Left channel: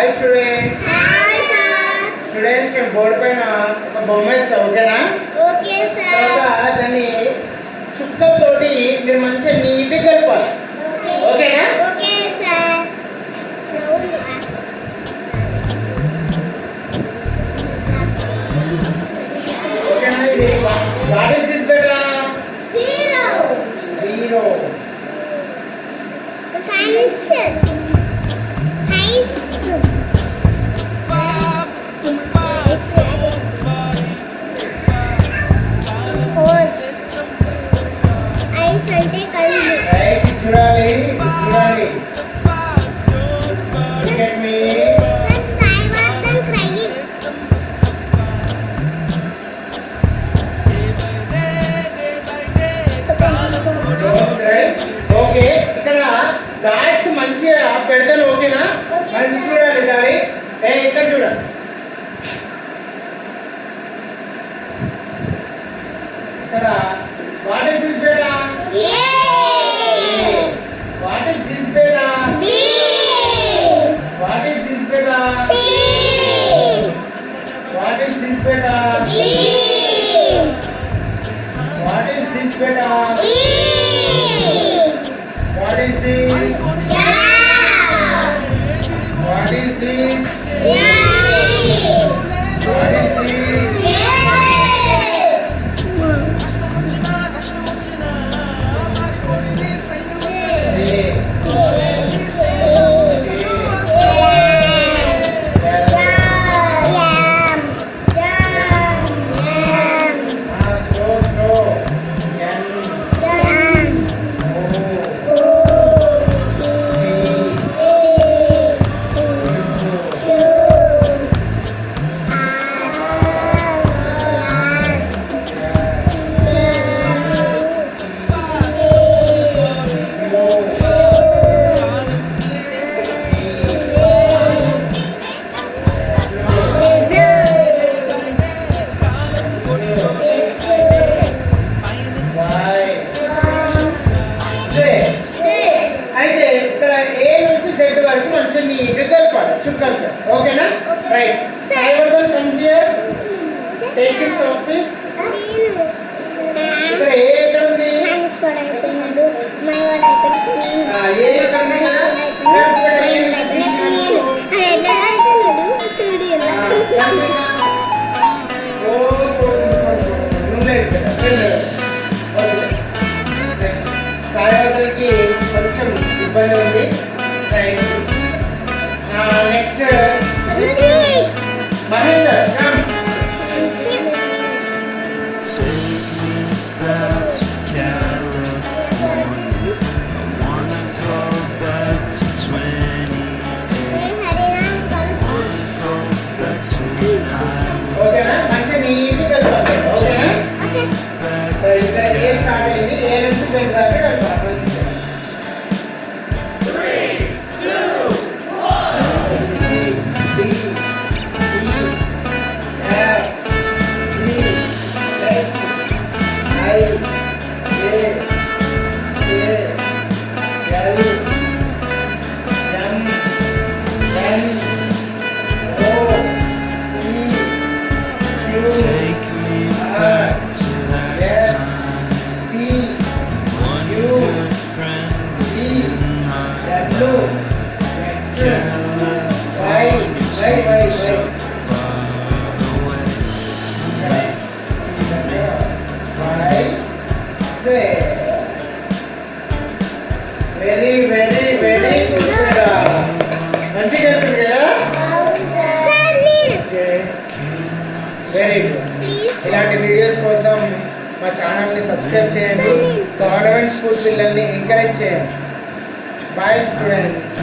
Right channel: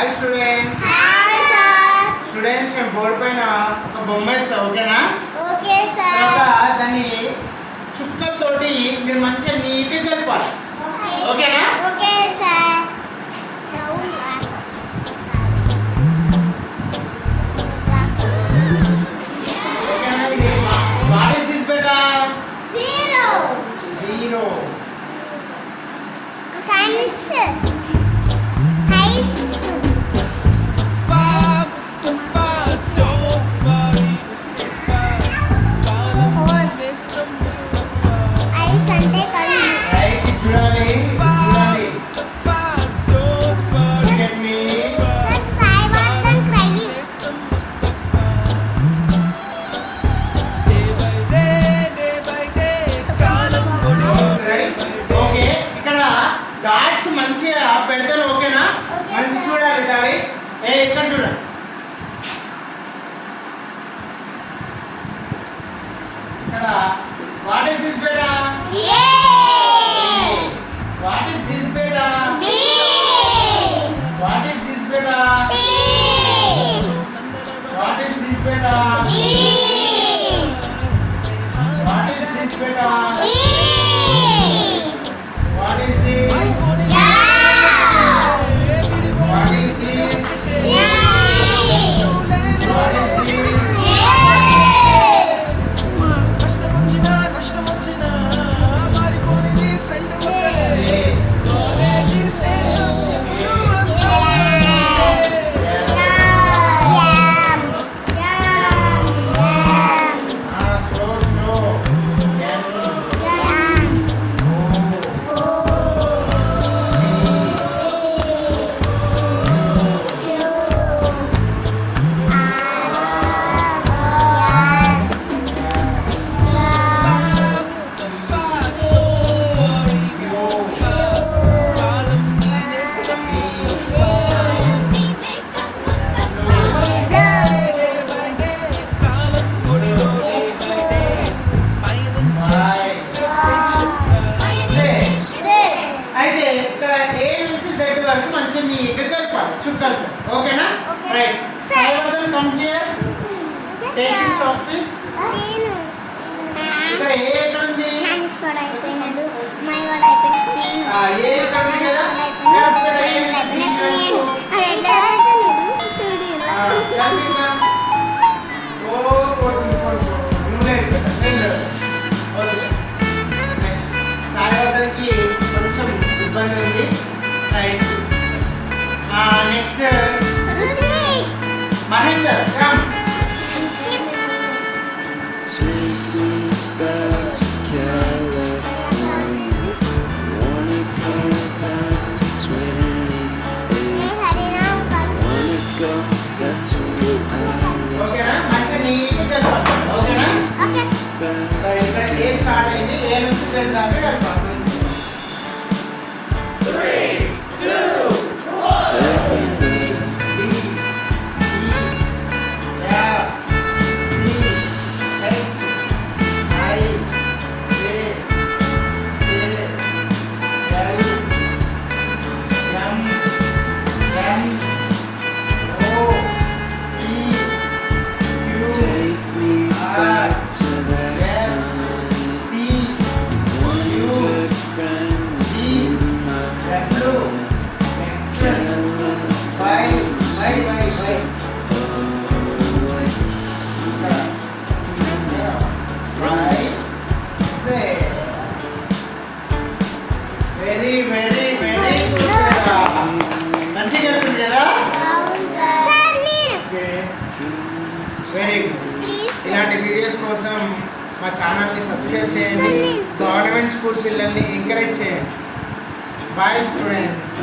Hi students. Hi sir. Students నేను బోర్డు పైన ఒక బొమ్మ ఇస్తా, ఓకేనా? Okay sir. తర్వాత దాన్ని చుక్కతోటి మీరు మంచిగా నీట్గా కలపాలి, ఓకేనా? Okay sir. ఓకేనా? ఇది what is this beta? Zero. Zero. Cancel. Height. Eyes అంటే కళ్ళు. రైట్ చూడాలి, చూడాలి. Look at me. Sir, Sai wasn't crying. Okay, ఇక్కడ డాట్స్ మంచిగా పెడతాను, ఓకేనా? మంచి చూడాలి డాడీ. ఇక్కడ చూడండి. ఇక్కడ what is this beta? A. What is this beta? B. What is this beta? C. What is this beta? E. What is this beta? E. What is this? Yeah. What is this? Yeah. What is this? అయితే ఇక్కడ ఏ నుంచి జెడ్ వరకు మంచిగా నీట్గా కలపాలి చుక్కలతో, ఓకేనా? రైట్. Sai Vardhan come here. Take this office. ఇక్కడ ఏ ఎక్కడ ఉంది? అయిపోయినాడు. మై వాడు అయిపోయినాడు. ఏ ఎక్కడ ఉంది కదా? ఇక్కడ ఏ ఉంది? ఓ నువ్వే సాయివర్ధన్కి కొంచెం ఇబ్బంది ఉంది. రైట్. నెక్స్ట్ మహేందర్ కమ్. ఓకేనా? మంచిగా నీట్గా కలపాలి, ఓకేనా? ఇక్కడ ఏ స్టార్ట్ అయింది, ఏ నుంచి జెడ్ దాకా కలపాలి. 3, 2, 1. D, E, F, G, H, I, J, K, L, M, N, O, P, Q, Take me back to that time. P, One good friend was in my W, life. X, Can't Y, Y, Y, so Y. far away. Very very very మంచిగా వెళ్తుంది కదా? Very good. ఇలాంటి వీడియోస్ కోసం మా ఛానల్ని subscribe చేయండి. Government school పిల్లల్ని encourage చేయండి. Bye students.